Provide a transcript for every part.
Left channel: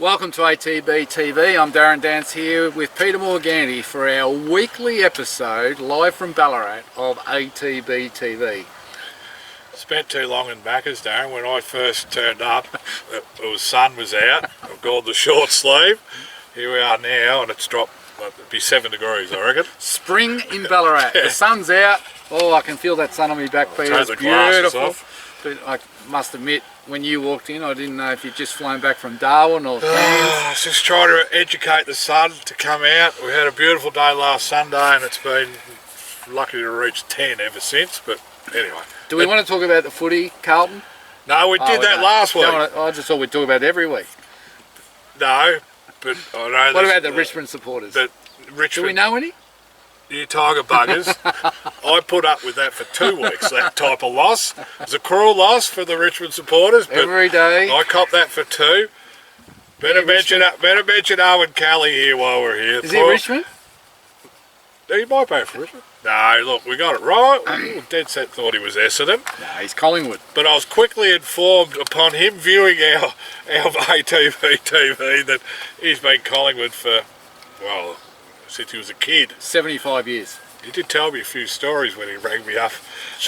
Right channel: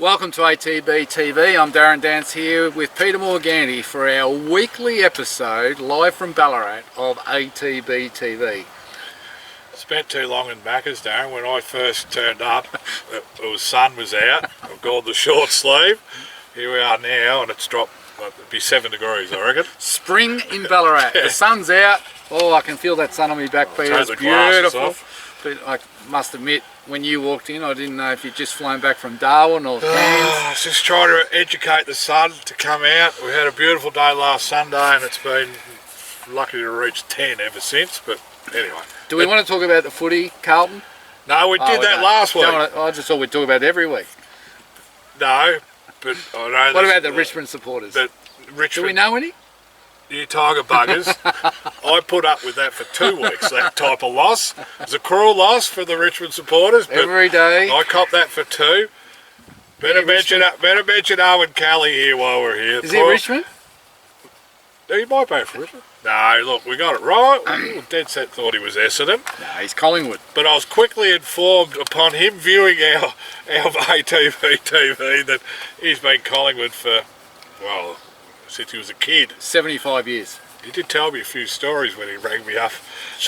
Welcome to ATB TV. I'm Darren Dance here with Peter Morganti for our weekly episode live from Ballarat of ATB TV. Spent too long in Backers, Darren. When I first turned up, sun was out. I've got the short sleeve. Here we are now, and it's dropped. It'd be 7 degrees, I reckon. Spring in Ballarat. The sun's out. Oh, I can feel that sun on my back, Peter. It's beautiful. But I must admit, when you walked in, I didn't know if you'd just flown back from Darwin or Cairns. I was just trying to educate the sun to come out. We had a beautiful day last Sunday, and it's been lucky to reach 10 ever since. But anyway. Do we want to talk about the footy, Carlton? No, we did that last week. I just thought we'd talk about it every week. No, but I know. What about the Richmond supporters? Do we know any? You tiger buggers. I put up with that for 2 weeks, that type of loss. It was a cruel loss for the Richmond supporters. But every day. I copped that for 2. Better mention Owen Kelly here while we're here. Is he Richmond? He might be for Richmond. No, look, we got it right. Dead set thought he was Essendon. No, he's Collingwood. But I was quickly informed upon him viewing our ATB TV that he's been Collingwood for, well, since he was a kid. 75 years. He did tell me a few stories when he rang me up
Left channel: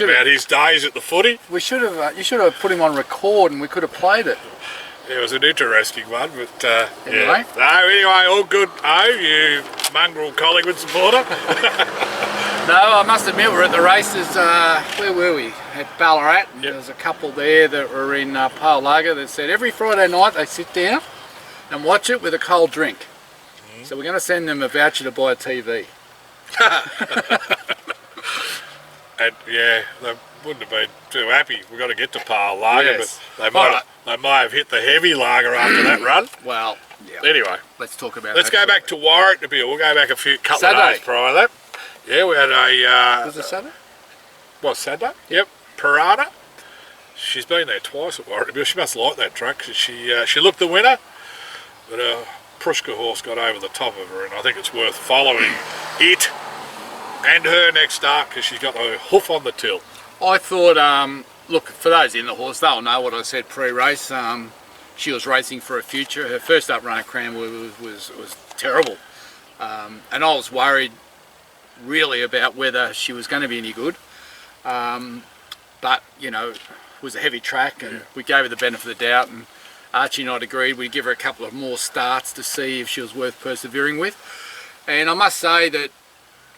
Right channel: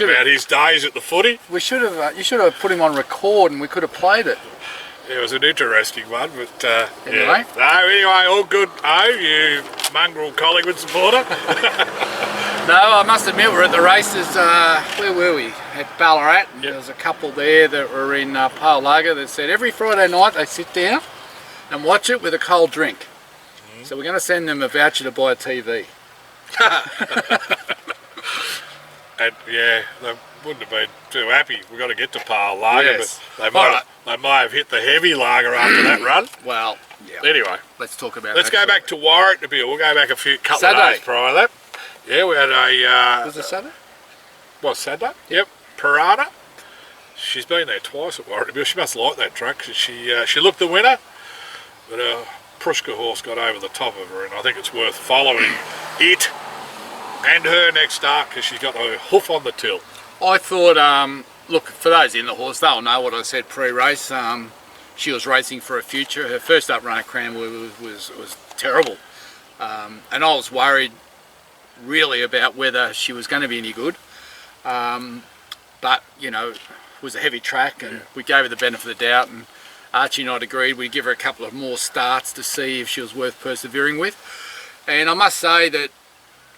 about his days at the footy. We should have. You should have put him on record, and we could have played it. Yeah, it was an interesting one, but anyway. Yeah. No, anyway, all good. Oh, you mongrel Collingwood supporter. No, I must admit, we're at the races. Where were we? At Ballarat. And there was a couple there that were in Pale Lager that said every Friday night they sit down and watch it with a cold drink. So we're going to send them a voucher to buy a TV. And yeah, they wouldn't have been too happy. We've got to get to Pale Lager, yes. But they might have hit the heavy lager after that run. Well, yeah. Anyway, let's talk about. Let's go back to Warwicknabeal. We'll go back a couple of days prior to that. Yeah, we had a. Was it Saturday? What, Saturday? Yep. Parada. She's been there twice at Warwicknabeal. She must like that track. She looked the winner, but a Prushka horse got over the top of her, and I think it's worth following it and her next start because she's got a hoof on the till. I thought, look, for those in the horse, they'll know what I said pre-race. She was racing for a future. Her first up run at Cranwood was terrible, and I was worried really about whether she was going to be any good. But you know, it was a heavy track, and we gave her the benefit of the doubt. And Archie and I agreed we'd give her a couple of more starts to see if she was worth persevering with. And I must say that,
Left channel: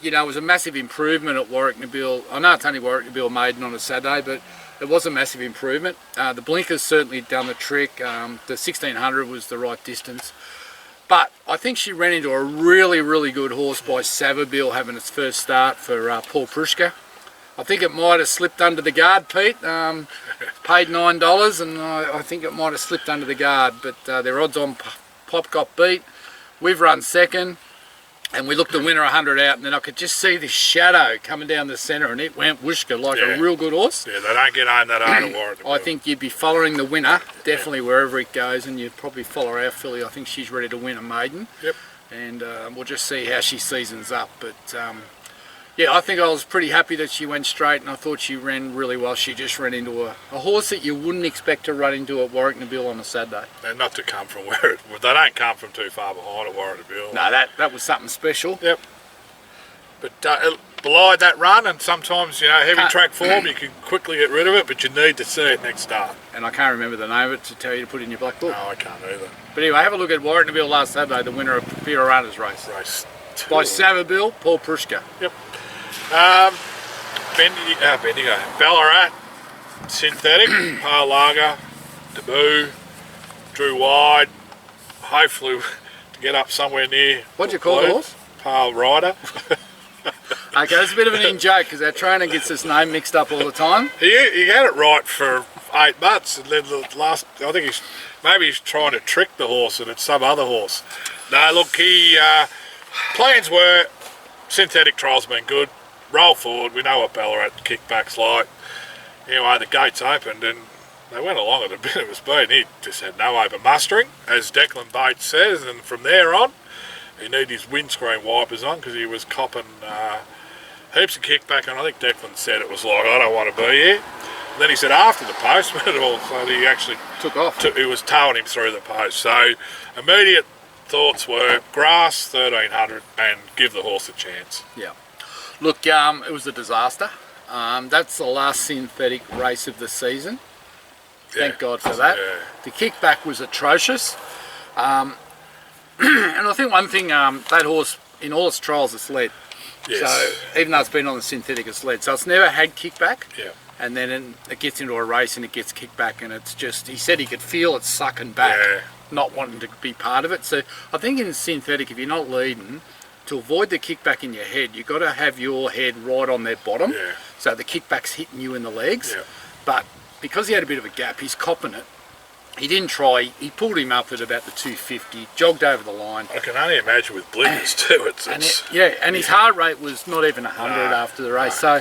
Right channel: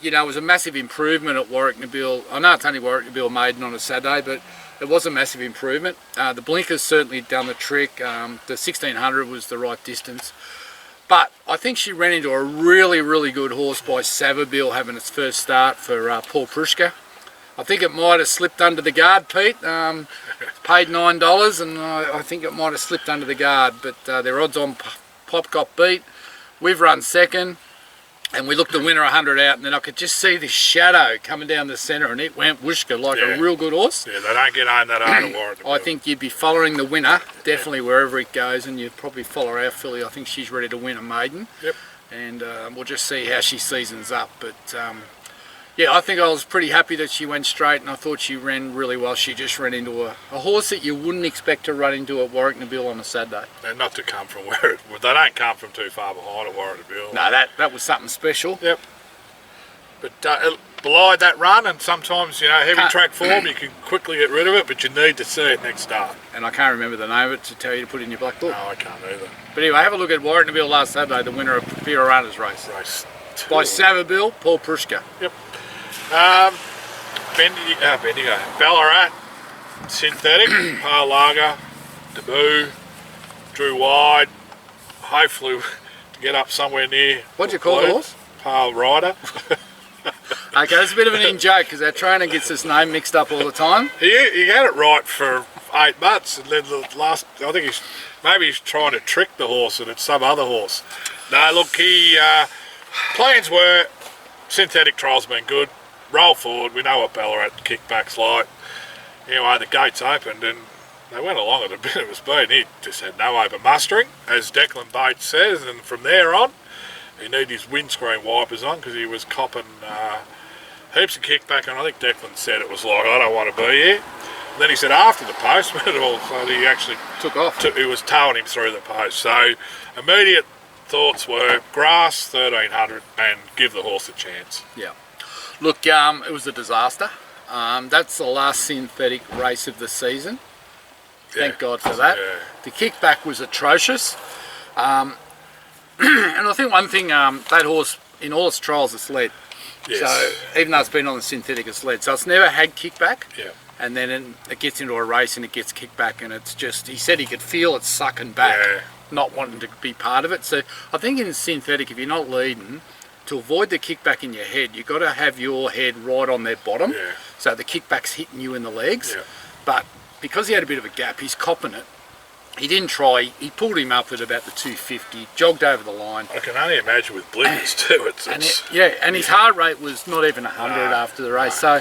you know, it was a massive improvement at Warwicknabeal. I know it's only Warwicknabeal maiden on a Saturday, but it was a massive improvement. The blinkers certainly done the trick. The 1600 was the right distance. But I think she ran into a really, really good horse by Savabeel having its first start for Paul Prushka. I think it might have slipped under the guard, Pete. Paid $9, and I think it might have slipped under the guard. But their odds on Pop got beat. We've run second. And we looked the winner 100 out, and then I could just see this shadow coming down the centre, and it went whooshka like a real good horse. Yeah, they don't get home that hard at Warwick. I think you'd be following the winner, definitely wherever it goes, and you'd probably follow our filly. I think she's ready to win a maiden. Yep. And we'll just see how she seasons up. But yeah, I think I was pretty happy that she went straight, and I thought she ran really well. She just ran into a horse that you wouldn't expect to run into at Warwicknabeal on a Saturday. And not to come from where they don't come from too far behind at Warwicknabeal. No, that was something special. Yep. But it belied that run, and sometimes, you know, heavy track form, you can quickly get rid of it, but you need to see it next start. And I can't remember the name of it to tell you to put in your black book. No, I can't either. But anyway, have a look at Warwicknabeal last Saturday, the winner of Fiorana's race. Race 2. By Savabeel, Paul Prushka. Yep. Bendigo, Ballarat, Synthetic, Pale Lager, Debut, Drew Wide, hopefully to get up somewhere near. What'd you call the horse? Pale Rider. Okay, that's a bit of an in-joke because our trainer gets his name mixed up all the time. He had it right for 8 months, and then the last, I think he's trying to trick the horse and it's some other horse. No, look, plans were, synthetic trials have been good. Roll forward, we know what Ballarat kickback's like. Anyway, the gates opened and they went along at a bit of a speed. He just had no open mustering, as Declan Bates says, and from there on, he needed his windscreen wipers on because he was copping heaps of kickback, and I think Declan said it was like, I don't want to be here. Then he said after the post, when it all started, he actually Took off. he was towing him through the post. So immediate thoughts were grass 1300 and give the horse a chance. Yeah. Look, it was a disaster. That's the last synthetic race of the season. Thank God for that. Yeah. The kickback was atrocious. And I think one thing, that horse, in all its trials, it's led. Yes. So even though it's been on the synthetic, it's led. So it's never had kickback. Yeah. And then it gets into a race and it gets kicked back, and it's just, he said he could feel it sucking back, not wanting to be part of it. So I think in synthetic, if you're not leading, to avoid the kickback in your head, you've got to have your head right on their bottom, so the kickback's hitting you in the legs. Yeah. But because he had a bit of a gap, he's copping it. He didn't try. He pulled him up at about the 250, jogged over the line. I can only imagine with blinkers too. And his heart rate was not even 100 after the race. So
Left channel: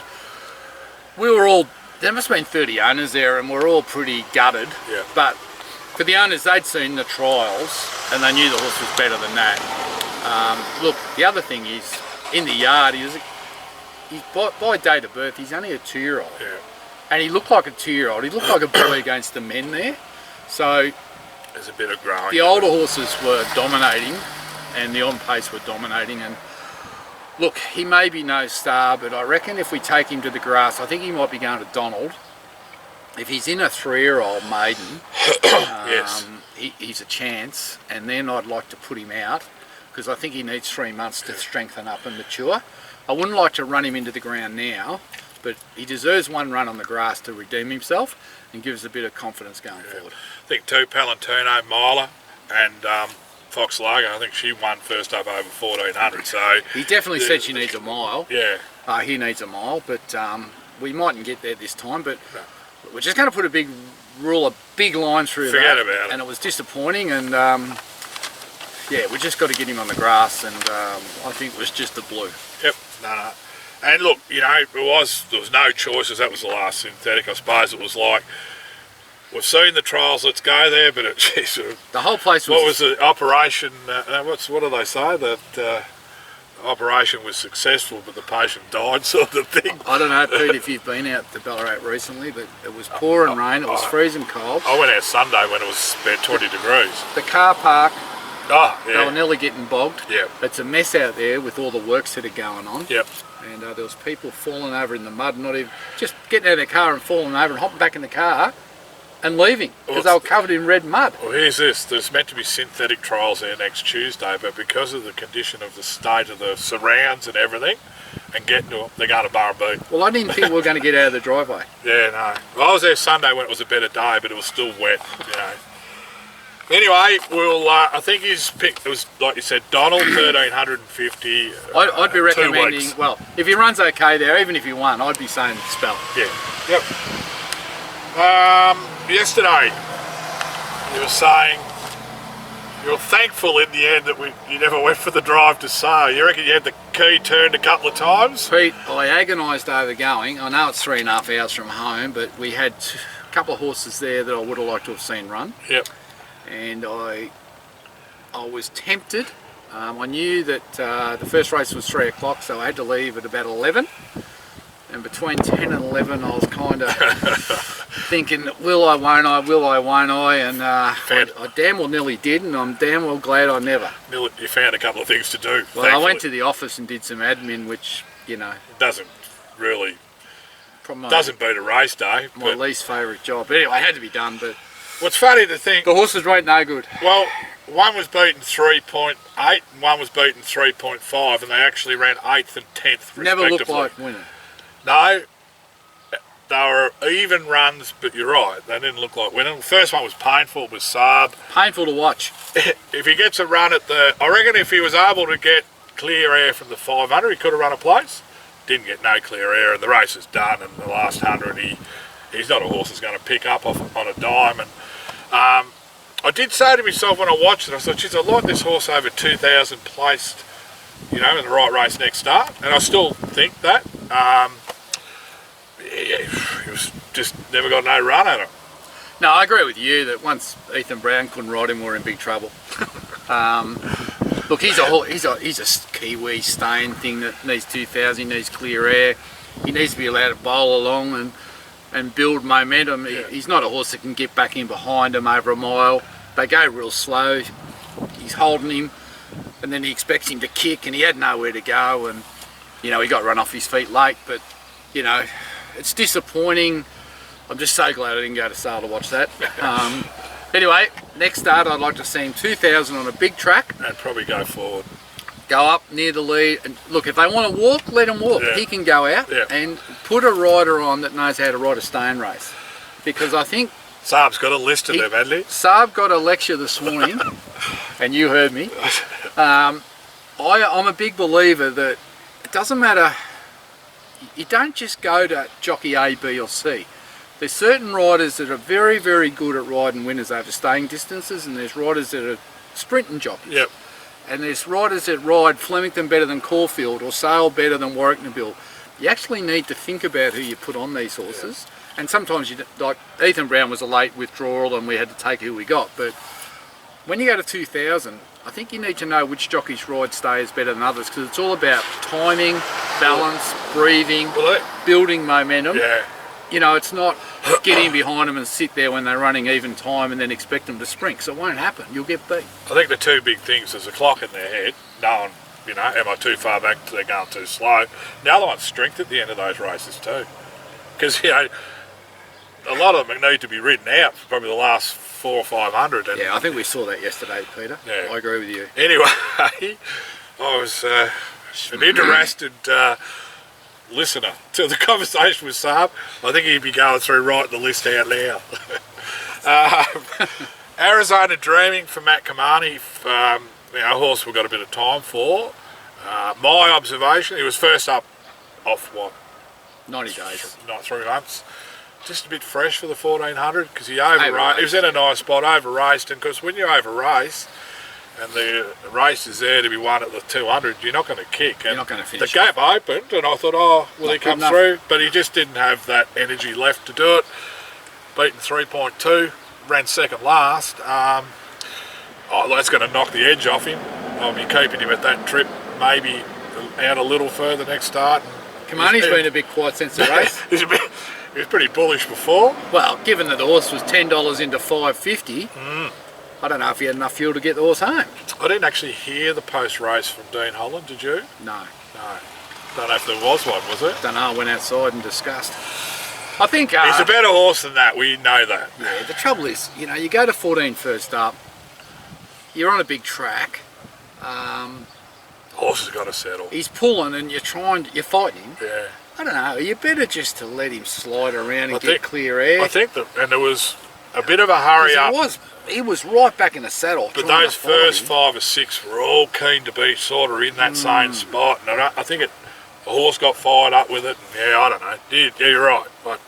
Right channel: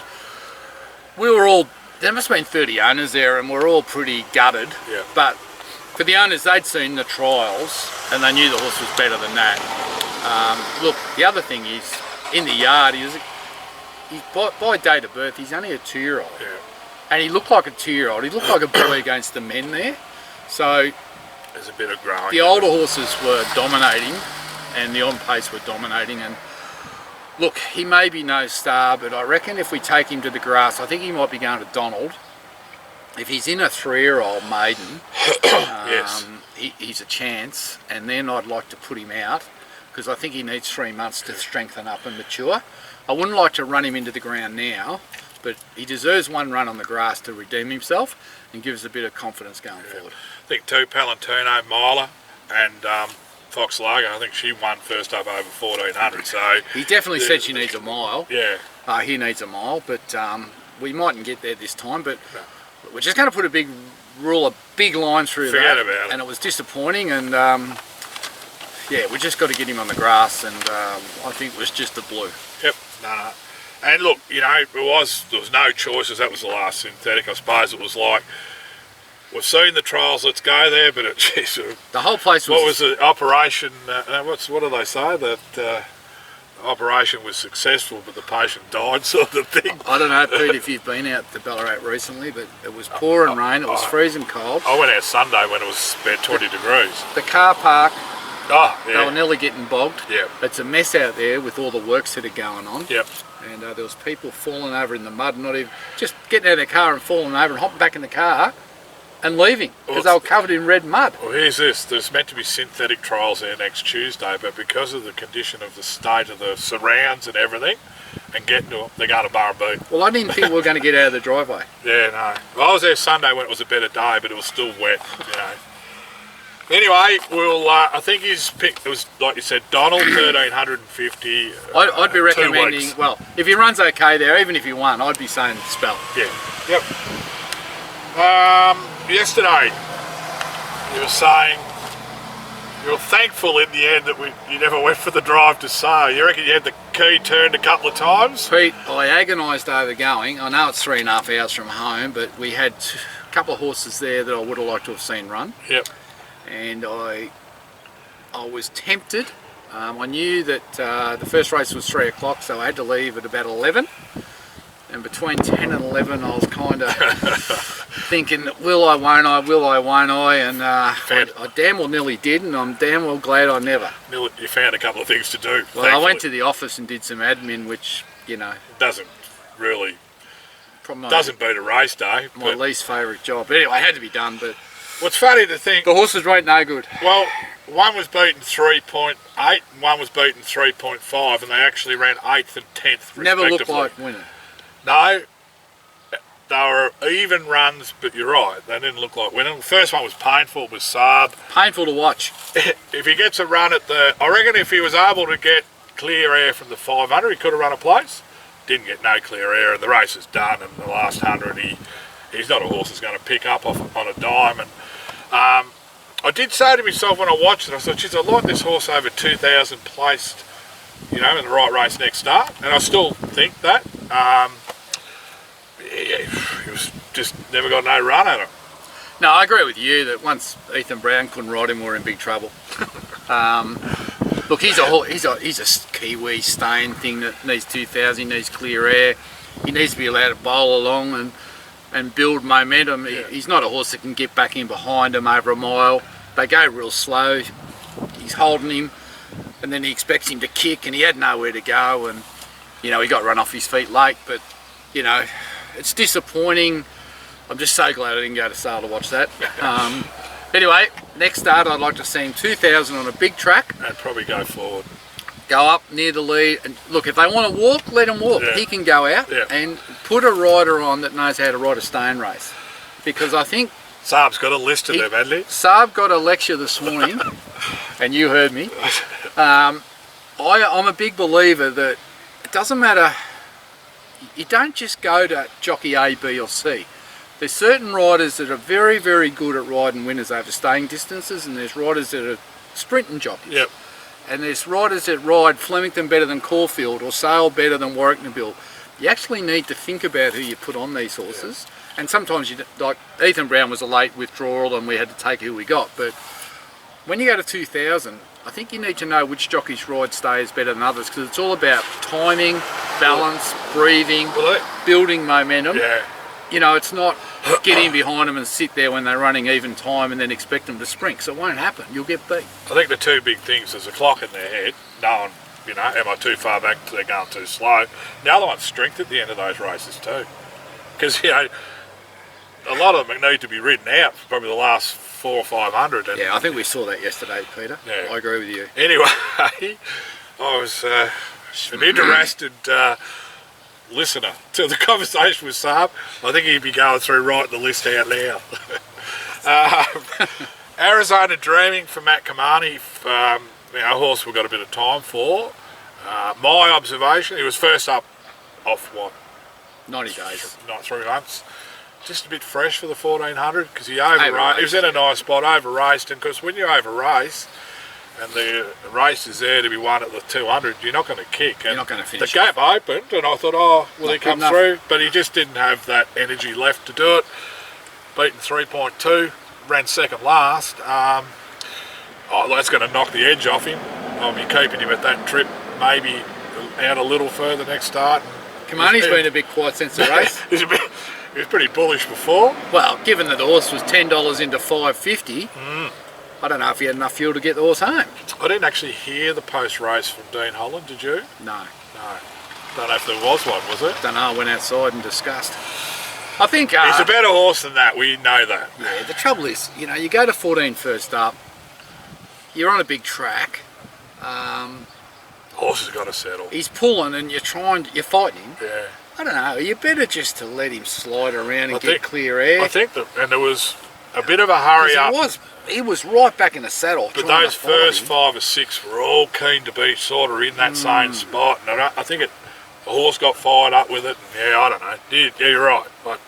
we were all, there must have been 30 owners there, and we're all pretty gutted. Yeah. But for the owners, they'd seen the trials and they knew the horse was better than that. Look, the other thing is, in the yard, he's by date of birth, he's only a 2-year-old. Yeah. And he looked like a 2-year-old. He looked like a boy against the men there. So There's a bit of growing. the older horses were dominating, and the on pace were dominating. And look, he may be no star, but I reckon if we take him to the grass, I think he might be going to Donald. If he's in a 3-year-old maiden, Yes. he's a chance. And then I'd like to put him out, because I think he needs 3 months to strengthen up and mature. I wouldn't like to run him into the ground now, but he deserves one run on the grass to redeem himself and give us a bit of confidence going forward. I think too, Palantino, Miler and Fox Largo, I think she won first up over 1400. So He definitely said she needs a mile. yeah, He needs a mile, but we mightn't get there this time. But we're just going to put a big line through Forget that. about it. And it was disappointing. And yeah, we just got to get him on the grass. And I think it was just the blue. Yep. No. And look, you know, there was no choices. That was the last synthetic. I suppose it was like, we've seen the trials, let's go there. But geez, The whole place was... what was the operation? What do they say? That the operation was successful, but the patient died, sort of thing. I don't know, Pete, if you've been out to Ballarat recently, but it was pouring rain. It was freezing cold. I went out Sunday when it was about 20 degrees. The car park, they were Yeah. nearly getting bogged. Yep. It's a mess out there with all the works that are going on. Yep. And there was people falling over in the mud, not even just getting out of their car and falling over and hopping back in the car and leaving because they were covered in red mud. Well, here's this. There's meant to be synthetic trials there next Tuesday, but because of the condition of the state of the surrounds and everything, and getting to them, they're going to Burraboo. Well, I didn't think we were going to get out of the driveway. Yeah, no. Well, I was there Sunday when it was a better day, but it was still wet, you know. Anyway, we'll. I think he's picked. It was like you said, Donald 1350. I'd be 2 recommending. weeks. Well, if he runs okay there, even if he won, I'd be saying spell. Yeah. Yep. Yesterday, you were saying you were thankful in the end that you never went for the drive to Sale. You reckon you had the key turned a couple of times? Pete, I agonised over going. I know it's 3.5 hours from home, but we had a couple of horses there that I would have liked to have seen run. Yep. And I was tempted. I knew that the first race was 3 o'clock, so I had to leave at about 11. And between 10 and 11, I was kind of thinking, will I, won't I, will I, won't I? And I damn well nearly did, and I'm damn well glad I never. You found a couple of things to do. Well, thankfully. I went to the office and did some admin, which, you know, Doesn't really, probably doesn't beat a race day. my But least favourite job. But anyway, it had to be done, but what's funny to think, the horses rate no good. well, one was beaten 3.8 and one was beaten 3.5, and they actually ran 8th and 10th respectively. Never looked like winning. No, they were even runs, but you're right, they didn't look like winning. The first one was painful, it was Saab. Painful to watch. If he gets a run at I reckon if he was able to get clear air from the 500, he could have run a place. Didn't get no clear air, and the race is done, and the last 100, he's not a horse that's going to pick up on a dime. And I did say to myself when I watched it, I thought, geez, I like this horse over 2,000 placed, you know, in the right race next start, and I still think that. He was just never got no run at him. No, I agree with you that once Ethan Brown couldn't ride him, we're in big trouble. Look, he's a Kiwi staying thing that needs 2,000, he needs clear air, he needs to be allowed to bowl along, and and build momentum. He's not a horse that can get back in behind him over a mile. They go real slow. He's holding him, and then he expects him to kick, and he had nowhere to go, and he got run off his feet late. But it's disappointing. I'm just so glad I didn't go to sale to watch that. Anyway, next start I'd like to see him 2,000 on a big track. And probably go forward. Go up near the lead, and look, if they want to walk, let him walk. He can go out and put a rider on that knows how to ride a stone race, because I think Saab's got a list of them, hadn't he? Saab got a lecture this morning, and you heard me. I'm a big believer that it doesn't matter. You don't just go to jockey A, B or C. There's certain riders that are very, very good at riding winners over staying distances, and there's riders that are sprinting jockeys. Yep. And there's riders that ride Flemington better than Caulfield or Sale better than Warwick Nabil. You actually need to think about who you put on these horses. And sometimes, like Ethan Brown was a late withdrawal and we had to take who we got. But when you go to 2,000, I think you need to know which jockeys ride stays better than others, because it's all about timing, balance, breathing, building momentum. Yeah. It's not get in behind them and sit there when they're running even time and then expect them to sprint. So it won't happen. You'll get beat. I think the two big things is a clock in their head, knowing, am I too far back, they're going too slow. The other one's strength at the end of those races too. Because, a lot of them need to be ridden out for probably the last 400 or 500. And, I think we saw that yesterday, Peter. Yeah. I agree with you. Anyway, I was an interested listener to the conversation with Saab. I think he'd be going through writing the list out now. Arizona Dreaming for Matt Kamani, a horse we've got a bit of time for. My observation, he was first up off 90 days. Not 3 months. Just a bit fresh for the 1400 because he over-raced. He was in a nice spot, over-raced, and because when you over-race and the race is there to be won at the 200, you're not going to kick. And you're not going to finish. The gap opened, and I thought, will he come through? But he just didn't have that energy left to do it. Beaten 3.2, ran second last. That's going to knock the edge off him. I'll be keeping him at that trip, maybe out a little further next start. Kamani's been a bit quiet since the race. He was pretty bullish before. Well, given that the horse was $10 into $5.50, I don't know if he had enough fuel to get the horse home. I didn't actually hear the post-race from Dean Holland, did you? No. Don't know if there was one, was it? Don't know, I went outside and discussed. I think... he's a better horse than that, we know that. Yeah, the trouble is, you go to 14 first up, you're on a big track. Horse has got to settle. He's pulling and you're fighting him. Yeah. I don't know, you better just to let him slide around and get clear air. I think and there was a bit of a hurry up. He was right back in the saddle. But those first 5 or 6 were all keen to be sort of in that same spot. And I think the horse got fired up with it. And I don't know. Yeah, you're right. But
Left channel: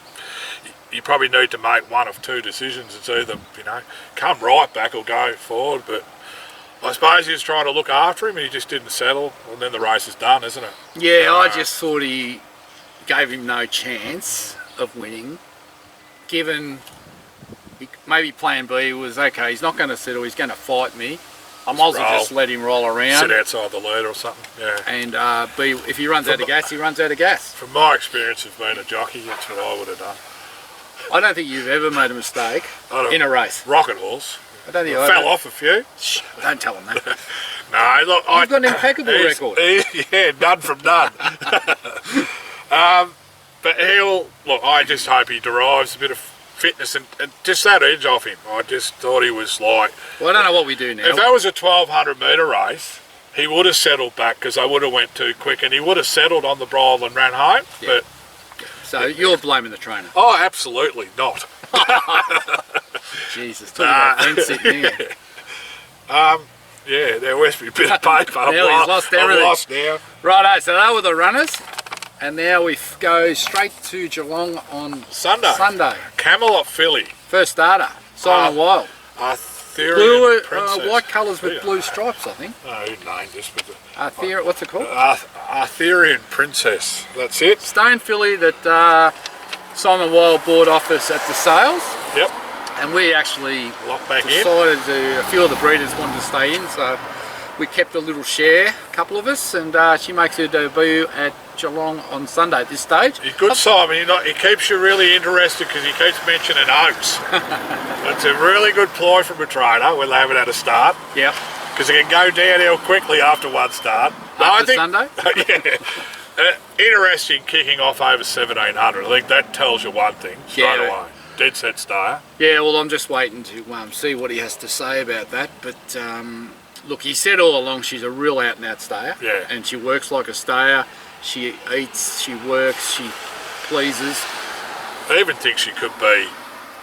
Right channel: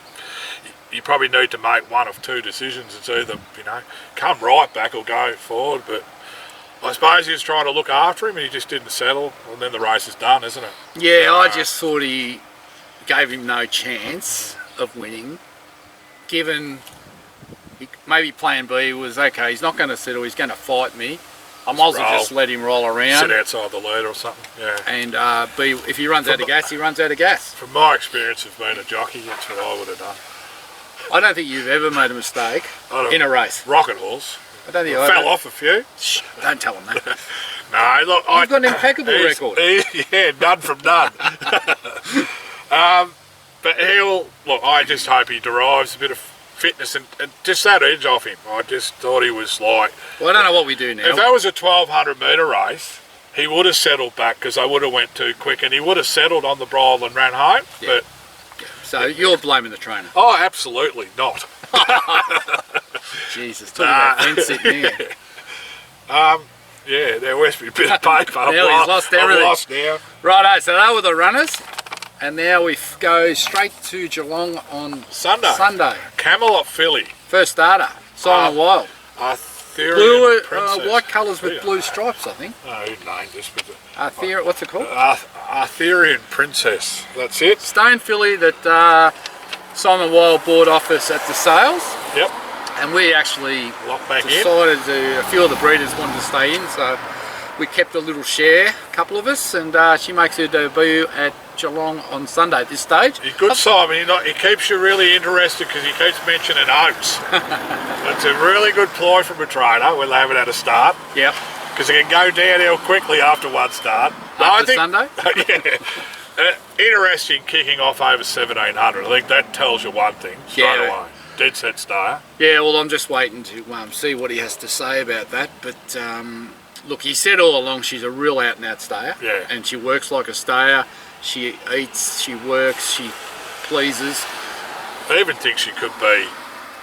you probably need to make one of 2 decisions. It's either, come right back or go forward. But I suppose he was trying to look after him and he just didn't settle. And then the race is done, isn't it? Yeah, I just thought he gave him no chance of winning, given maybe plan B was, okay, he's not going to settle, he's going to fight me, I might as well just let him roll around. Sit outside the lead or something, yeah. And B, if he runs out of gas, he runs out of gas. From my experience of being a jockey, that's what I would have done. I don't think you've ever made a mistake in a race. Rocket horse. I don't think I fell off a few. Shh, don't tell him that. No, look, you've got an impeccable record. Yeah, none from none. But I just hope he derives a bit of fitness and just that edge off him. I just thought he was like... Well, I don't know what we do now. If that was a 1,200 metre race, he would have settled back because I would have went too quick and he would have settled on the bridle and ran home. Yeah. But so you're blaming the trainer? Oh, absolutely not. Jesus, talking about fence sitting here. Yeah, there must be a bit of paper. Now he's lost everything. I'm lost now. Righto, so they were the runners. And now we go straight to Geelong on Sunday. Camelot filly. First starter, Simon Wild. Arthurian Princess. White colours with blue stripes, I think. Oh, who named this? What's it called? Arthurian Princess. That's it. Stone filly that Simon Wild bought off us at the sales. Yep. And we actually decided a few of the breeders wanted to stay in, so we kept a little share, a couple of us, and she makes her debut at Geelong on Sunday at this stage. He's good, Simon. He keeps you really interested because he keeps mentioning oats. It's a really good ploy from a trainer when they haven't had a start. Yep. Because it can go downhill quickly after one start. After Sunday? Yeah. Interesting kicking off over 1700. I think that tells you one thing straight away. Dead set stayer. Yeah, well, I'm just waiting to see what he has to say about that. But look, he said all along she's a real out and out stayer. Yeah. And she works like a stayer. She eats, she works, she pleases. I even think she could be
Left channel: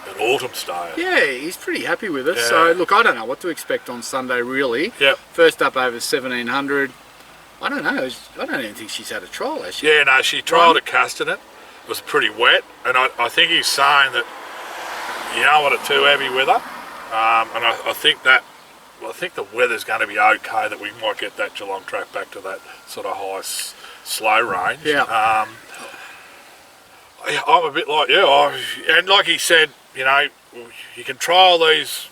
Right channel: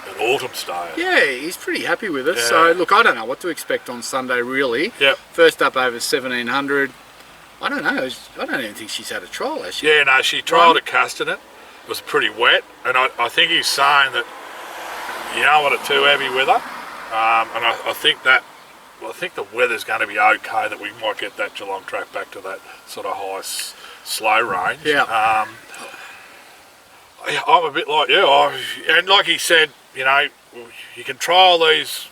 an autumn stayer. Yeah, he's pretty happy with her. Yeah. So, look, I don't know what to expect on Sunday, really. Yep. First up over 1700. I don't know. I don't even think she's had a trial, has she? Yeah, no, she trialled at Castanet. It was pretty wet, and I think he's saying that you don't want it too heavy with her. And I think that, I think the weather's going to be okay, that we might get that Geelong track back to that sort of high, slow range. Yeah. I'm a bit like you, and like he said, you know, you can trial these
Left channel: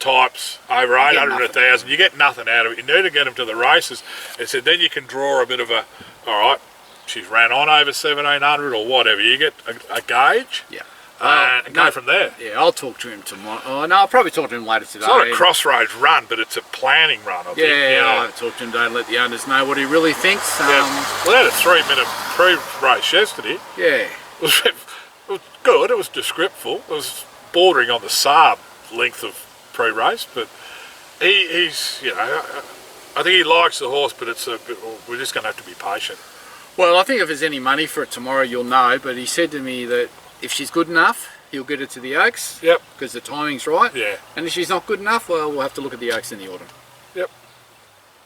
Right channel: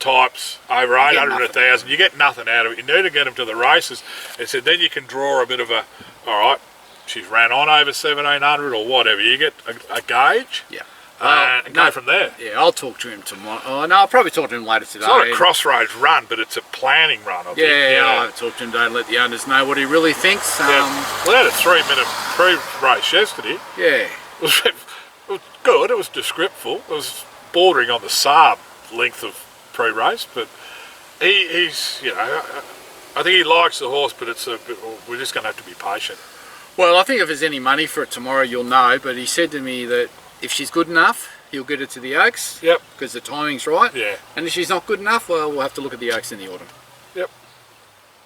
types over 800, 1,000, you get nothing out of it. You need to get them to the races. And said then you can draw a bit of a, all right, she's ran on over 1700 or whatever. You get a gauge. Yeah. And go from there. Yeah, I'll talk to him tomorrow. Oh, no, I'll probably talk to him later today. It's not a crossroads run, but it's a planning run, I think. Yeah, I'll have to talk to him today and let the owners know what he really thinks. Well, they had a 3-minute pre-race yesterday. Yeah. It was good. It was descriptive. It was bordering on the Saab length of pre-race, but he's, you know, I think he likes the horse, but we're just going to have to be patient. Well, I think if there's any money for it tomorrow, you'll know. But he said to me that if she's good enough, he'll get it to the Oaks. Yep. Because the timing's right. Yeah. And if she's not good enough, well, we'll have to look at the Oaks in the autumn. Yep.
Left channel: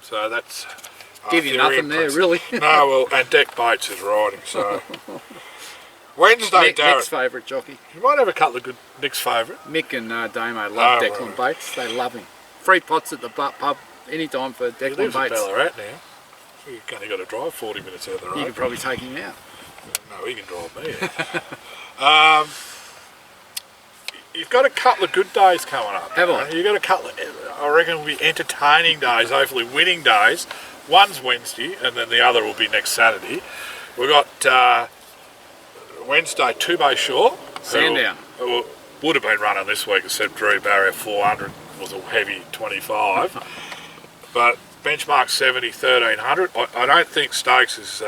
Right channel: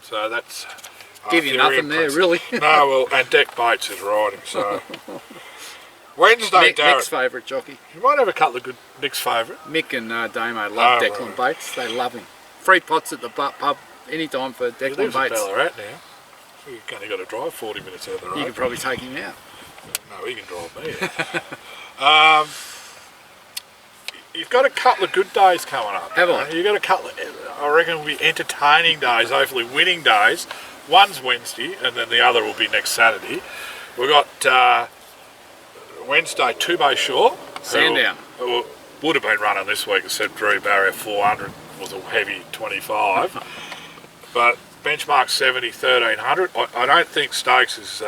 So that's... Give you nothing there, really. No, well, and Deck Bates is riding, so... Wednesday, Darren. Nick's favourite jockey. You might have a couple of good Nick's favourite. Mick and Damo love Declan Bates. They love him. Free pots at the pub anytime for Declan Bates. He lives in Ballarat now. So you've only got to drive 40 minutes out of the road. You could probably take him out. No, he can drive me out. You've got a couple of good days coming up. Have I? You've got a couple of, I reckon, will be entertaining days, hopefully winning days. One's Wednesday, and then the other will be next Saturday. We've got Wednesday, Two-Bay Shore. Sandown. Who would have been running this week, except Drew Barrier 400 was a heavy 25. But benchmark 70, 1300. I don't think Stokes is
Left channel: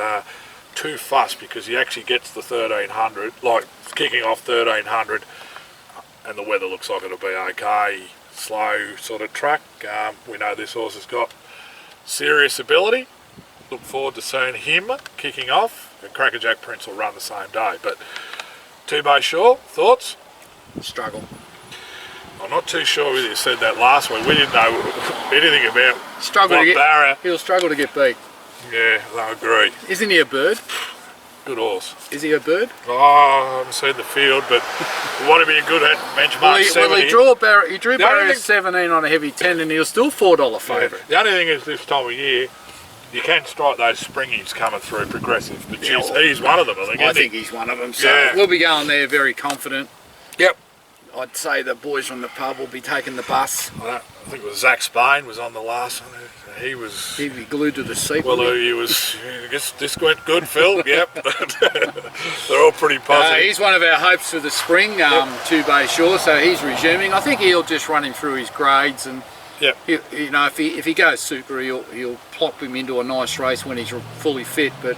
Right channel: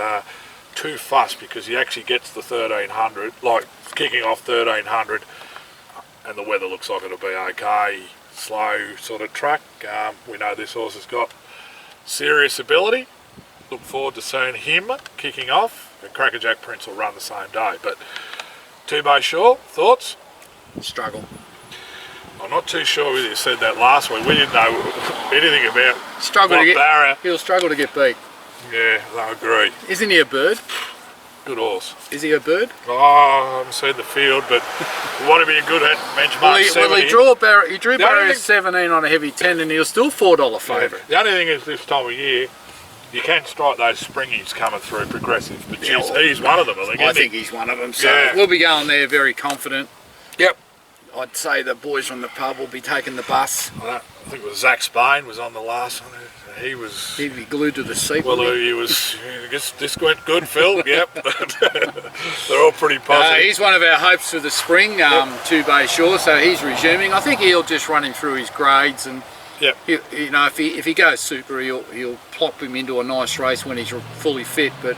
too fussed because he actually gets the 1300, like kicking off 1300, and the weather looks like it'll be okay. Slow sort of track. We know this horse has got serious ability. Look forward to seeing him kicking off. And Crackerjack Prince will run the same day. But Two-Bay Shore, thoughts? Struggle. I'm not too sure whether you said that last week. We didn't know anything about Barrier. He'll struggle to get beat. Yeah, I agree. Isn't he a bird? Good horse. Is he a bird? Oh, I haven't seen the field, but want to be a good at benchmark 70. Well, he drew Barrier 17 on a heavy 10 and he was still $4 favourite. Yeah. The only thing is this time of year, you can strike those springies coming through progressive, but he's one of them, I think. I think he's one of them, so we'll be going there very confident. Yep. I'd say the boys from the pub will be taking the bus. I think it was Zach Spain was on the last one. He'd be glued to the seat. Well, he was. I guess this went good, Phil. Yep. They're all pretty positive. He's one of our hopes for the spring, Two-Bay Shore, so he's resuming. I think he'll just run him through his grades and. Yep. You know, if he goes super, he'll plop him into a nice race when he's fully fit. But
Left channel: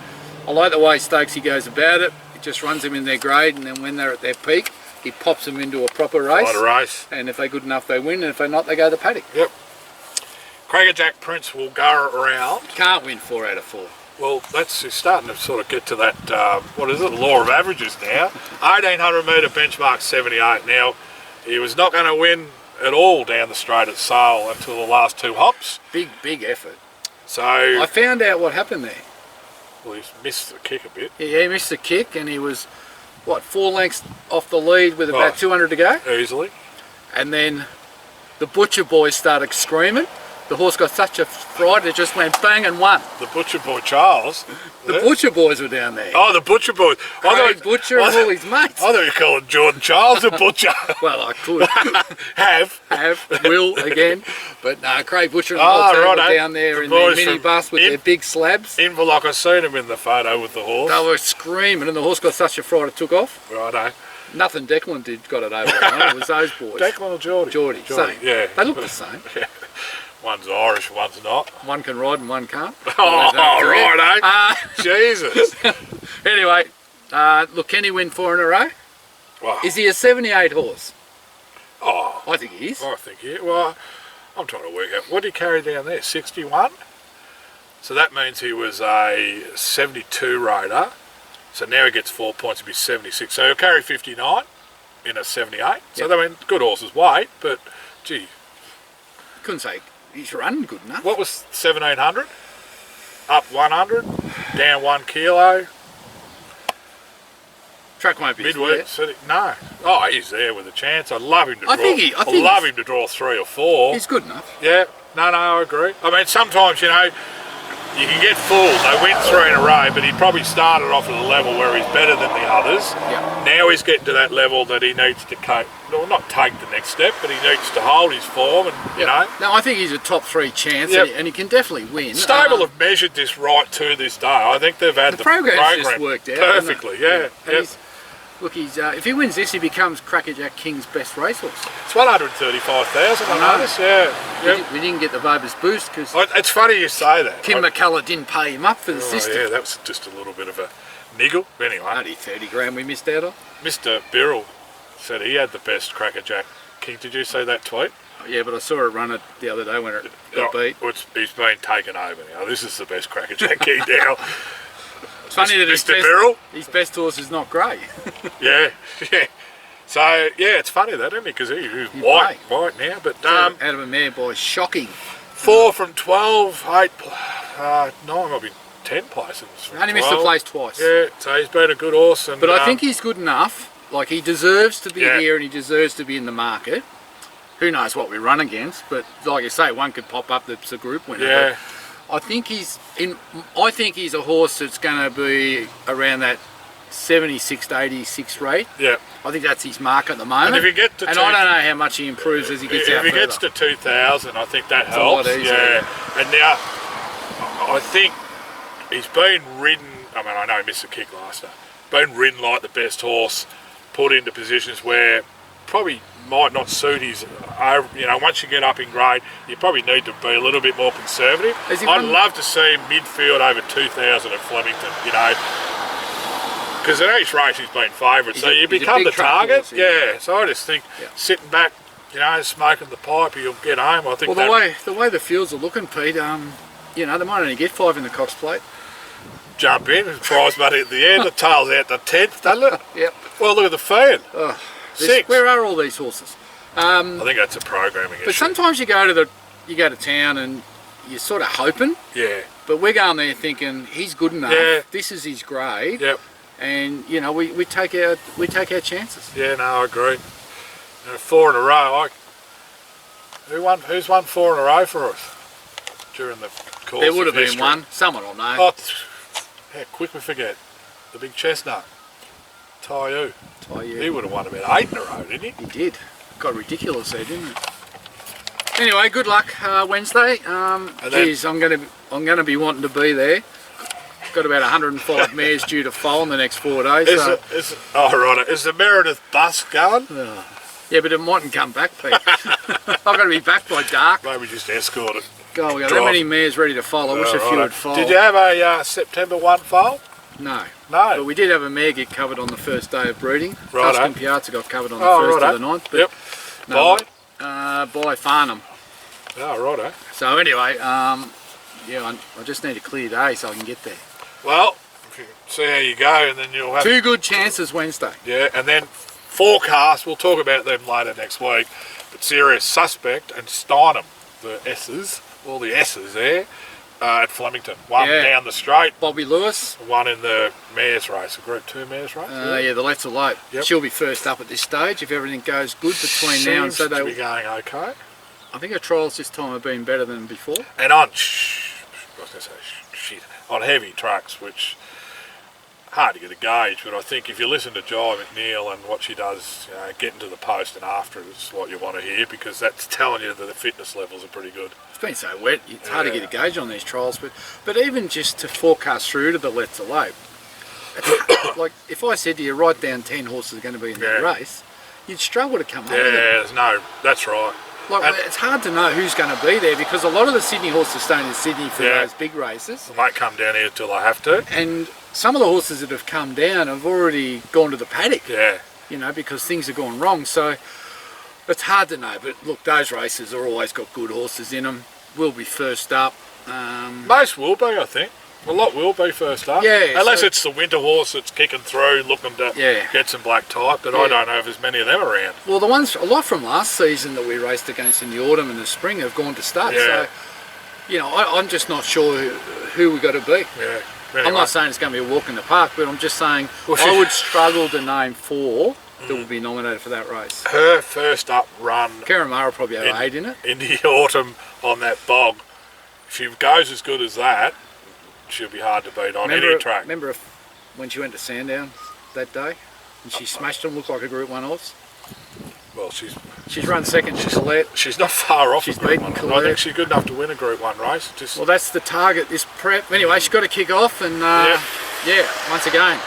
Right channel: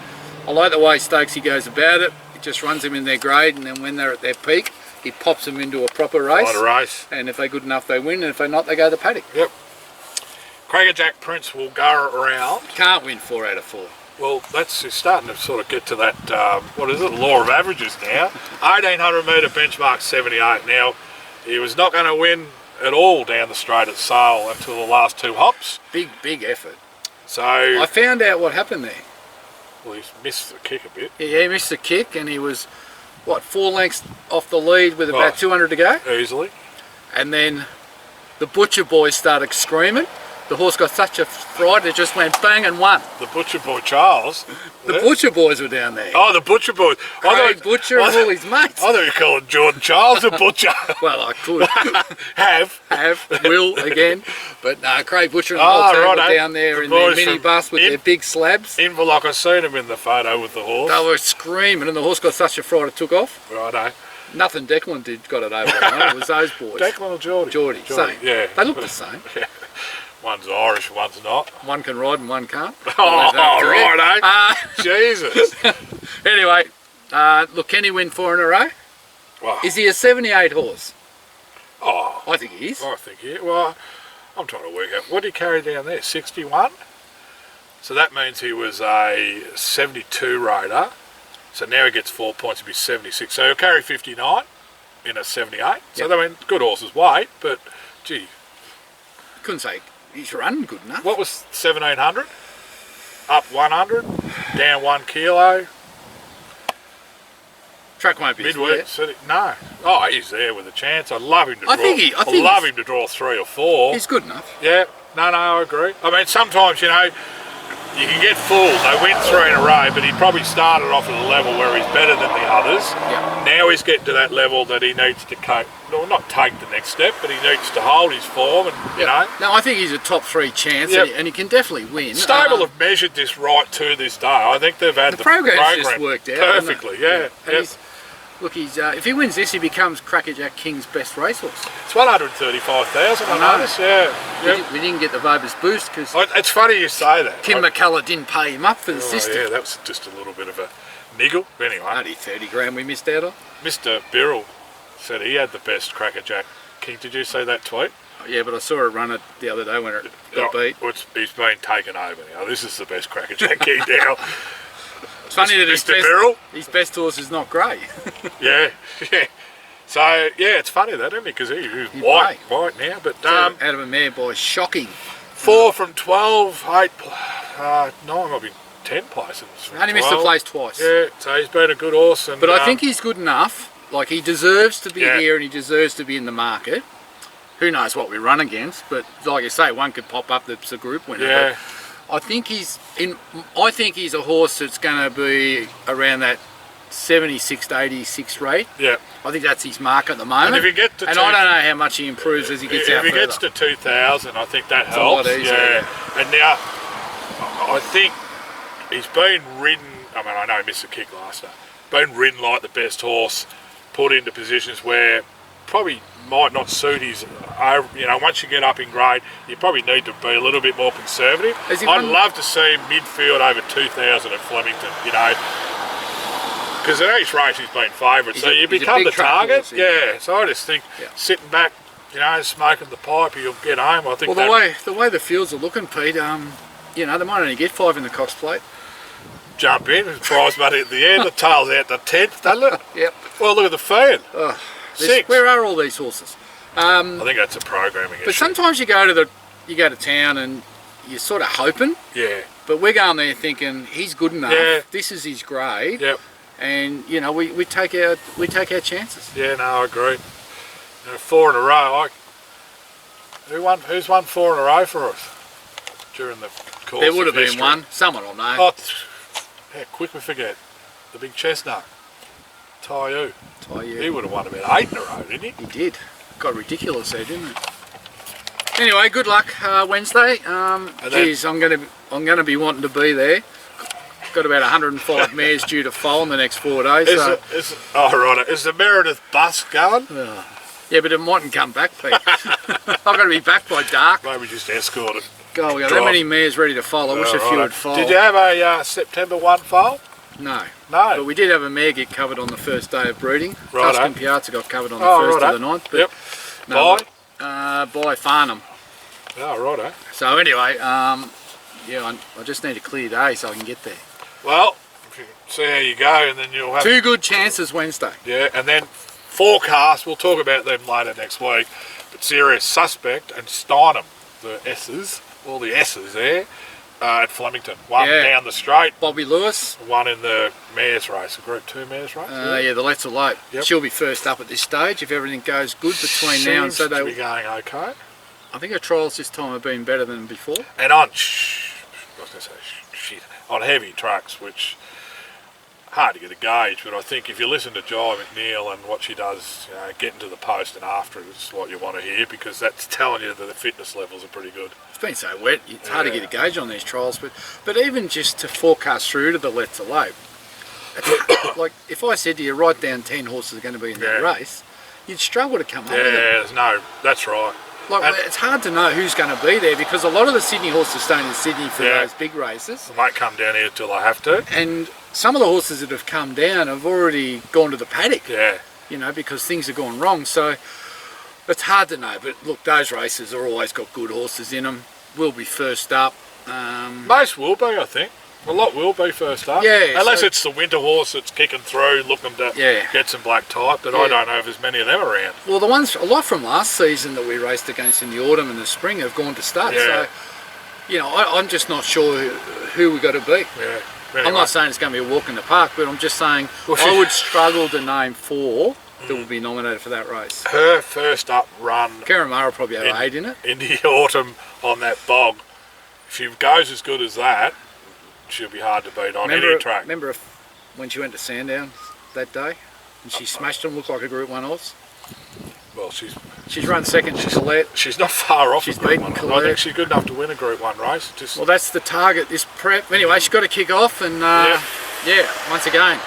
I like the way Stokesy goes about it. He just runs them in their grade, and then when they're at their peak, he pops them into a proper race. And if they're good enough, they win. And if they're not, they go to the paddock. Yep. Crackerjack Prince will go around. Can't win 4 out of 4. Well, he's starting to sort of get to that, what is it, law of averages now. 1800 metre benchmark 78. Now, he was not going to win at all down the straight at Sale until the last 2 hops. Big effort. So I found out what happened there. Well, he missed the kick a bit. Yeah, he missed the kick, and he was, 4 lengths off the lead with about 200 to go? Easily. And then the Butcher boys started screaming, The horse got such a fright, it just went bang and won. The Butcher Boy Charles. The Butcher Boys were down there. Oh, the Butcher Boys. Craig Butcher and all his mates. I thought you were calling Jordan Charles a butcher. Well, I could. Have. Will again. But no, Craig Butcher and the whole team were down there in their minibus with their big slabs. Inverloch, I seen him in the photo with the horse. They were screaming and the horse got such a fright it took off. Righto. Nothing Declan did got it over on. It was those boys. Declan or Geordie? Geordie. Same. Yeah. They look the same. Yeah. One's Irish, one's not. One can ride and one can't. Oh, right, Jesus. Anyway, look, can he win 4 in a row? Wow. Is he a 78 horse? Oh, I think he is. I think he is. Well, I'm trying to work out. What did he carry down there? 61? So that means he was a 72 rider. So now he gets 4 points to be 76. So he'll carry 59 in a 78. So, I mean, good horse's weight, but, gee. Couldn't say he's running good enough. What was 1700? Up 100, down 1 kilo. Track won't be Midweek city. No. Oh, he's there with a chance. I'd love him to draw. I love him to draw 3 or 4. He's good enough. Yeah. No, I agree. I mean, sometimes, you know, you can get fooled. They win 3 in a row, but he probably started off at a level where he's better than the others. Yeah. Now he's getting to that level that he needs to not take the next step, but he needs to hold his form and, you know. No, I think he's a top 3 chance and he can definitely win. Stable have measured this right to this day. I think they've had the program just worked out perfectly, yeah. Look, he's if he wins this, he becomes Crackerjack King's best racehorse. It's 135,000, I noticed, yeah. We didn't get the Vobis boost because it's funny you say that. Tim McCullough didn't pay him up for the system. Yeah, that was just a little bit of a niggle. Anyway. Only 30 grand we missed out on. Mr. Birrell said he had the best Crackerjack King. Did you see that tweet? Yeah, but I saw it run it the other day when it got beat. He's been taken over now. This is the best Crackerjack King now. It's funny that his best horse is not grey. yeah. So, yeah, it's funny that, isn't it? Because he's white now. But out of a mare by shocking. 4 from 12, 8, 9, might be 10 places. Only missed the place twice. Yeah, so he's been a good horse. But I think he's good enough. Like, he deserves to be here and he deserves to be in the market. Who knows what we run against, but like you say, one could pop up that's a group winner. Yeah. I think he's a horse that's going to be around that 76 to 86 rate. Yeah. I think that's his mark at the moment. And if he gets to I don't know how much he improves as he gets out further. If he gets to 2,000, I think that helps. Yeah. And now, I think he's been ridden. I mean, I know he missed a kick last time. Been ridden like the best horse, put into positions where probably might not suit his, once you get up in grade, you probably need to be a little bit more conservative. I'd love to see him midfield over 2,000 at Flemington, because in each race he's been favourite, so you become the target. Yeah, so I just think sitting back, smoking the pipe, you'll get home. I think the way the fields are looking, Pete, they might only get 5 in the Cox Plate. Jump in, prize money at the end, the tail's out the 10th, doesn't it? Yep. Well, look at the field. 6. Where are all these horses? I think that's a programming issue. But sometimes you go to town and you're sort of hoping. Yeah. But we're going there thinking he's good enough. Yeah. This is his grade. Yep. And we take our chances. Yeah, no, I agree. 4 in a row. Who's won 4 in a row for us during the course? There would have been one. Someone will know. Oh, how quick we forget. The big chestnut. Taiyu. He would have won about 8 in a row, didn't he? He did. Got ridiculous there, didn't it? Anyway, good luck Wednesday. Geez, I'm gonna be wanting to be there. Got about 105 mares due to foal in the next 4 days. Is the Meredith bus going? Yeah, but it mightn't come back, Pete. I've got to be back by dark. Maybe just escort it. God, we got that many mares ready to foal. I wish a few would foal. Did you have a September 1 foal? No. No. But we did have a mare get covered on the first day of breeding. Right. Tuscan Piazza got covered on the 1st of the 9th. But Yep. By Farnham. Oh, righto. So anyway, I just need a clear day so I can get there. Well, see how you go, and then you'll have 2 good chances Wednesday. Yeah, and then forecast, we'll talk about them later next week. But Serious Suspect and Steinem, the S's, all the S's there, at Flemington. One down the straight. Bobby Lewis. One in the mares race, a Group 2 mares race. The Let's Elope. Yep. She'll be first up at this stage if everything goes good between now and Saturday. Seems to be going okay. I think her trials this time have been better than before. And on, I was going to say shit, on heavy tracks, which hard to get a gauge, but I think if you listen to Jai McNeil and what she does, getting to the post and after is what you want to hear, because that's telling you that the fitness levels are pretty good. It's been so wet, it's hard to get a gauge on these trials, but even just to forecast through to the Let's Elope, like if I said to you, write down 10 horses are going to be in that race, you'd struggle to come up with it. Yeah, that's right. Like, it's hard to know who's going to be there, because a lot of the Sydney horses stay in Sydney for those big races. They might come down here till I have to. And some of the horses that have come down have already gone to the paddock. Yeah. You know, because things have gone wrong. So it's hard to know. But look, those races are always got good horses in them. We'll be first up. Most will be, I think. A lot will be first up. Yeah. Unless it's the winter horse that's kicking through, looking to get some black type, but I don't know if there's many of them around. Well, the ones, a lot from last season that we raced against in the autumn and the spring have gone to stud. Yeah. So, you know, I'm just not sure who we got to beat. Yeah. Anyway. I'm not saying it's going to be a walk in the park, but I'm just saying I would struggle to name 4 that will be nominated for that race. Her first up run, Karamara will probably have 8 in it. In the autumn on that bog, if she goes as good as that, she'll be hard to beat on any track. Remember when she went to Sandown that day and she smashed them, looked like a Group 1 horse? Well, she's run second to Colette. She's not far off. She's a Group beaten 1. Colette. I think she's good enough to win a Group 1 race. Well, that's the target, this prep. Anyway, she's got to kick off and once again,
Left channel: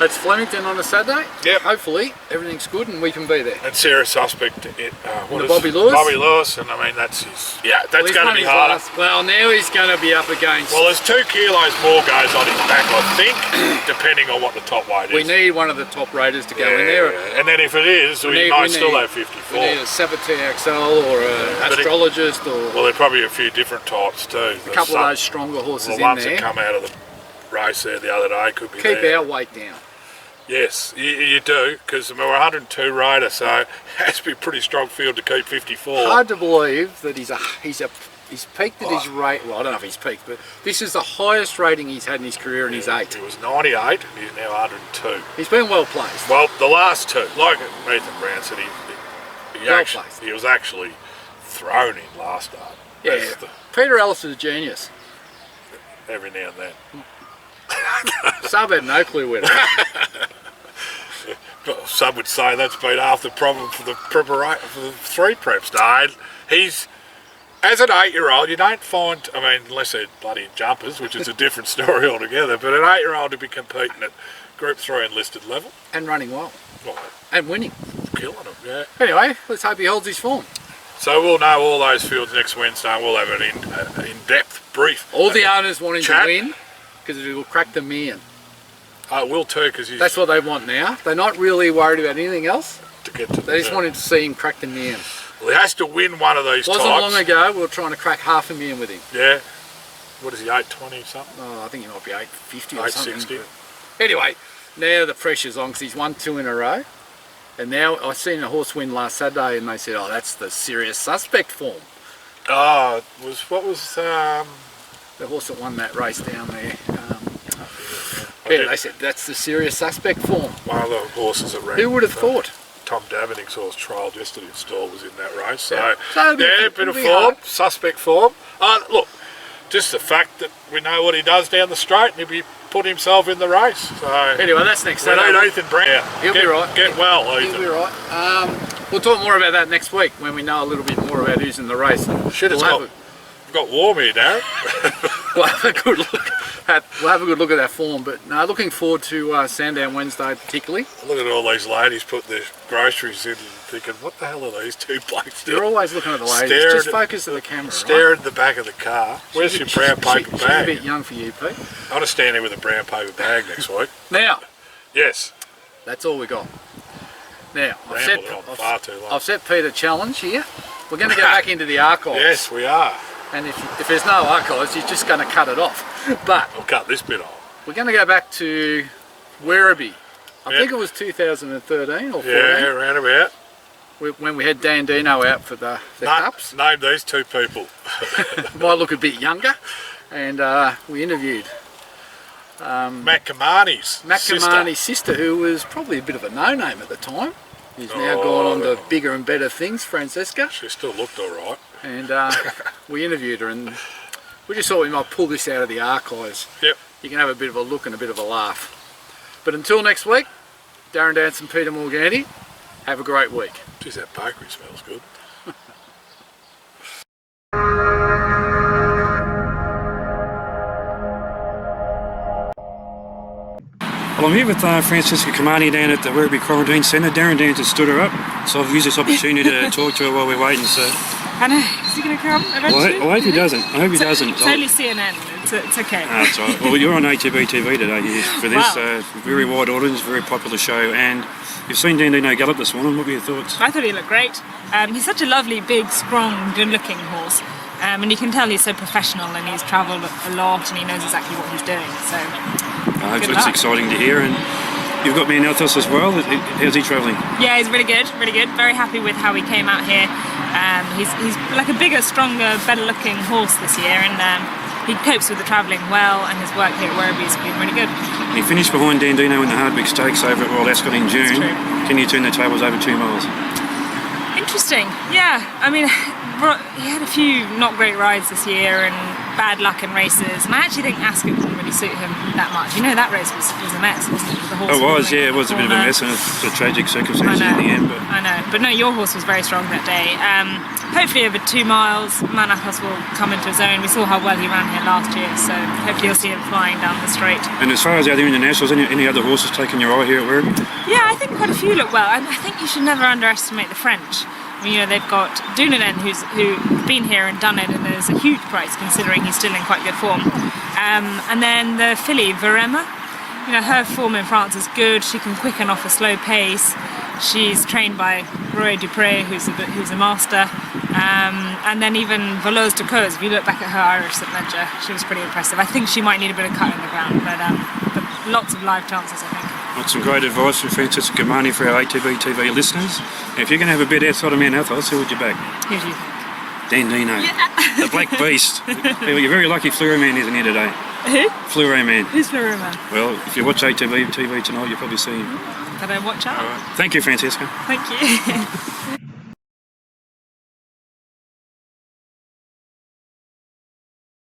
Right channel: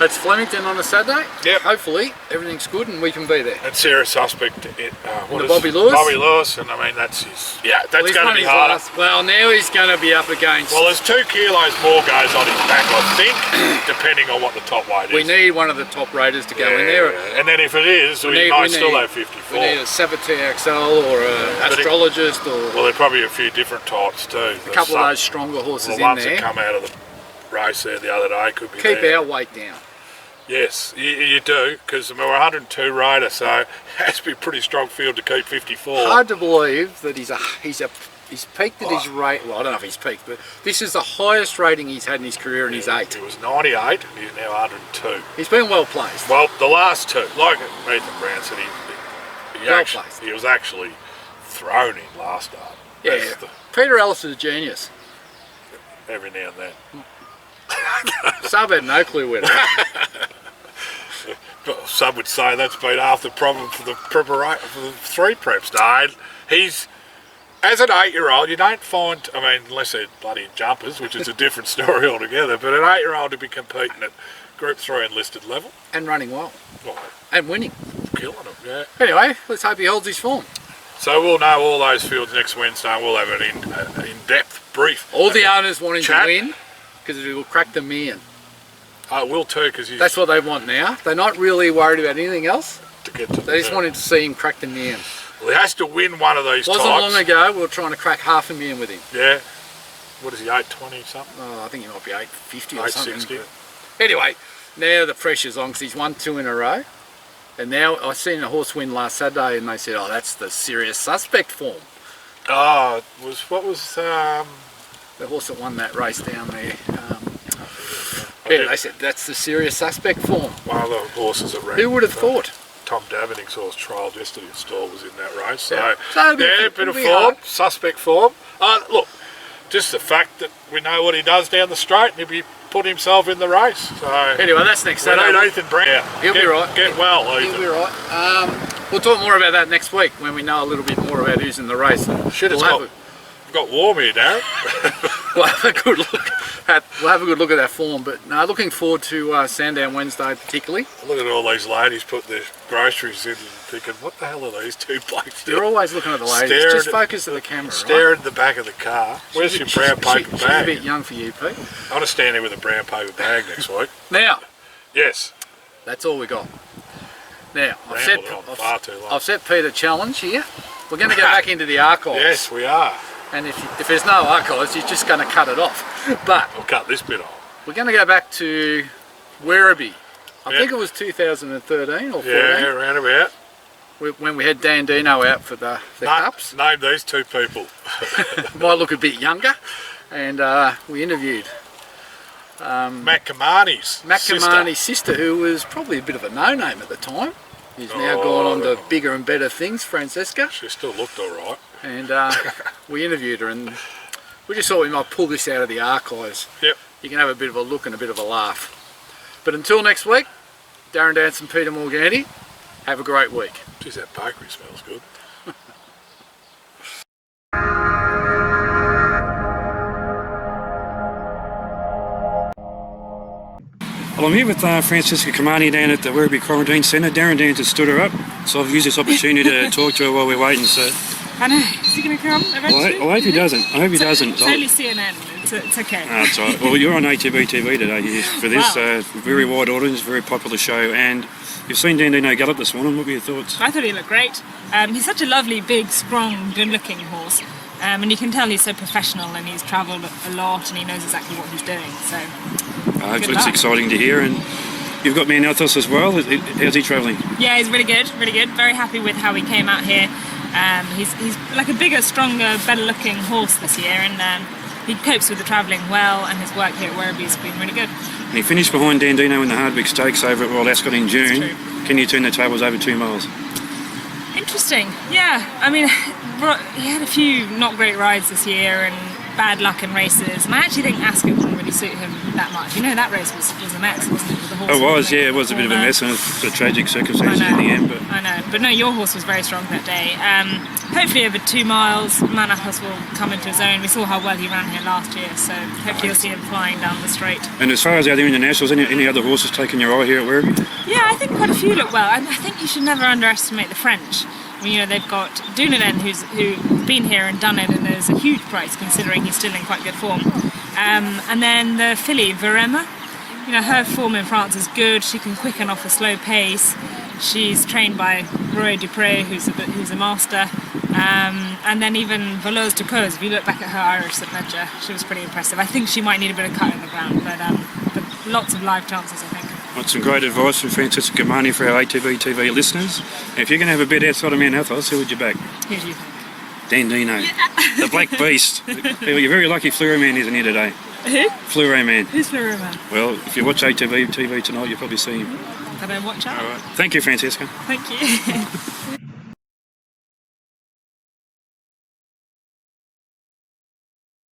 it's Flemington on a Saturday. Yep. Hopefully everything's good and we can be there. And serious suspect Bobby Lewis. Bobby Lewis, and I mean that's his. Yeah, that's going to be harder. Well, now he's going to be up against. Well, there's 2 kilos more goes on his back, I think, depending on what the top weight is. We need one of the top raters to go in there. And then if it is, we might still have 54. We need a Saboteur XL or an Astrologist or. Well, there's probably a few different types too. A couple of those stronger horses in there. The ones that come out of the race there the other day could be Keep there. our weight down. Yes, you do, because we're 102 rider, so it has to be a pretty strong field to keep 54. Hard to believe that he's peaked at his rate. Well, I don't know if he's peaked, but this is the highest rating he's had in his career, and he's 8. He was 98, and he's now 102. He's been well placed. Well, the last 2, like Ethan Brown said, he was actually thrown in last start. Yeah, Peter Ellis is a genius. Every now and then. Sub had no clue where to go. Well, some would say that's been half the problem for the preparation for the 3 preps. No, he's as an 8-year-old, you don't find. I mean, unless they're bloody jumpers, which is a different story altogether. But an 8-year-old to be competing at Group 3 enlisted level and running well, right, and winning, killing them. Yeah. Anyway, let's hope he holds his form. So we'll know all those fields next Wednesday, and we'll have an in-depth brief. All the owners wanting to win because it will crack them in. I will too, because that's what they want now. They're not really worried about anything else. They just wanted to see him crack the million. Well, he has to win one of these Wasn't long ago we were trying to crack $500,000 with him. Yeah. What is he, 820 something? Oh, I think he might be 850 or 860. something. Anyway, now the pressure's on because he's won 2 in a row. And now I seen a horse win last Saturday and they said, oh, that's the serious suspect form. Oh, the horse that won that race down there. They said that's the serious suspect form. One of the horses that ran. Who would have thought? Tom Davening's horse trialled yesterday in stall was in that race. So, a bit of form, suspect form. Look, just the fact that we know what he does down the straight and he'll be put himself in the race. So anyway, that's next Saturday. We need Ethan Brown. He'll be right. Get well, Ethan. He'll be right. We'll talk more about that next week when we know a little bit more about who's in the race. Got warm here, Darren. We'll have a good look at that form. But no, looking forward to Sandown Wednesday particularly. Look at all these ladies put their groceries in and thinking, what the hell are these 2 blokes doing? You're always looking at the ladies. Just focus at the camera. Stare at the back of the car. Where's your brown paper bag? She's a bit young for you, Pete. I want to stand here with a brown paper bag next week. Now. Yes. That's all we got. Now, I've set Pete a challenge here. We're going to go back into the archives. Yes, we are. And if there's no archives, you're just going to cut it off. But I'll cut this bit off. We're going to go back to Werribee. I think it was 2013 or 14. Yeah, around about. When we had Dan Dino out for the Cups. Name these 2 people. Might look a bit younger. And we interviewed Matt Kamani's sister, who was probably a bit of a no-name at the time. He's now gone on to bigger and better things, Francesca. She still looked all right. And we interviewed her, and we just thought we might pull this out of the archives. Yep. You can have a bit of a look and a bit of a laugh. But until next week, Darren Dance and Peter Morganti, have a great week. Geez, that bakery smells good. Well, I'm here with Francesca Kamani down at the Werribee Quarantine Centre. Darren Dance has stood her up, so I've used this opportunity to talk to her while we're waiting. So, I know. Is he going to come eventually? I hope he doesn't. I hope he doesn't. It's only CNN. It's okay. That's all right. Well, you're on ATB TV today for this very wide audience, very popular show, and you've seen Dandino gallop this morning. What were your thoughts? I thought he looked great. He's such a lovely, big, strong, good-looking horse. And you can tell he's so professional, and he's travelled a lot, and he knows exactly what he's doing. So, it's exciting to hear. And you've got me in Althos as well. How's he travelling? Yeah, he's really good, really good. Very happy with how he came out here. He's like a bigger, stronger, better-looking horse this year, and he copes with the travelling well, and his work here at Werribee has been really good. And he finished behind Dandino in the Hardwick Stakes over at Royal Ascot in June. Can you turn the tables over 2 miles? Interesting, yeah. I mean, he had a few not great rides this year and bad luck in races, and I actually think Ascot didn't really suit him that much. You know, that race was a mess, wasn't it? With the horse it was a bit of a mess, and it was a tragic circumstances in the end. I know, but no, your horse was very strong that day. Hopefully over 2 miles, Manapos will come into his own. We saw how well he ran here last year, so hopefully you'll see him flying down the straight. And as far as the other internationals, any other horses taking your eye here at Werribee? Yeah, I think quite a few look well. I think you should never underestimate the French. I mean, you know, they've got Dumoulin, who's been here and done it, and there's a huge price considering he's still in quite good form. And then the filly, Verema, you know, her form in France is good. She can quicken off a slow pace. She's trained by Roy Dupré, who's a master. And then even Voleuse de Cause, if you look back at her Irish at Ledger, she was pretty impressive. I think she might need a bit of cut in the ground, but lots of live chances, I think. Well, some great advice from Francesca Kamani for our ATB TV listeners. If you're going to have a bet outside of Mount Athos, who would you back? Who do you think? Dandino, the Black Beast. You're very lucky Fluoro Man isn't here today. Who? Fluoro Man. Who's Fluoro Man? Well, if you watch ATB TV tonight, you'll probably see him. Better watch out. All right. Thank you, Francesca. Thank you.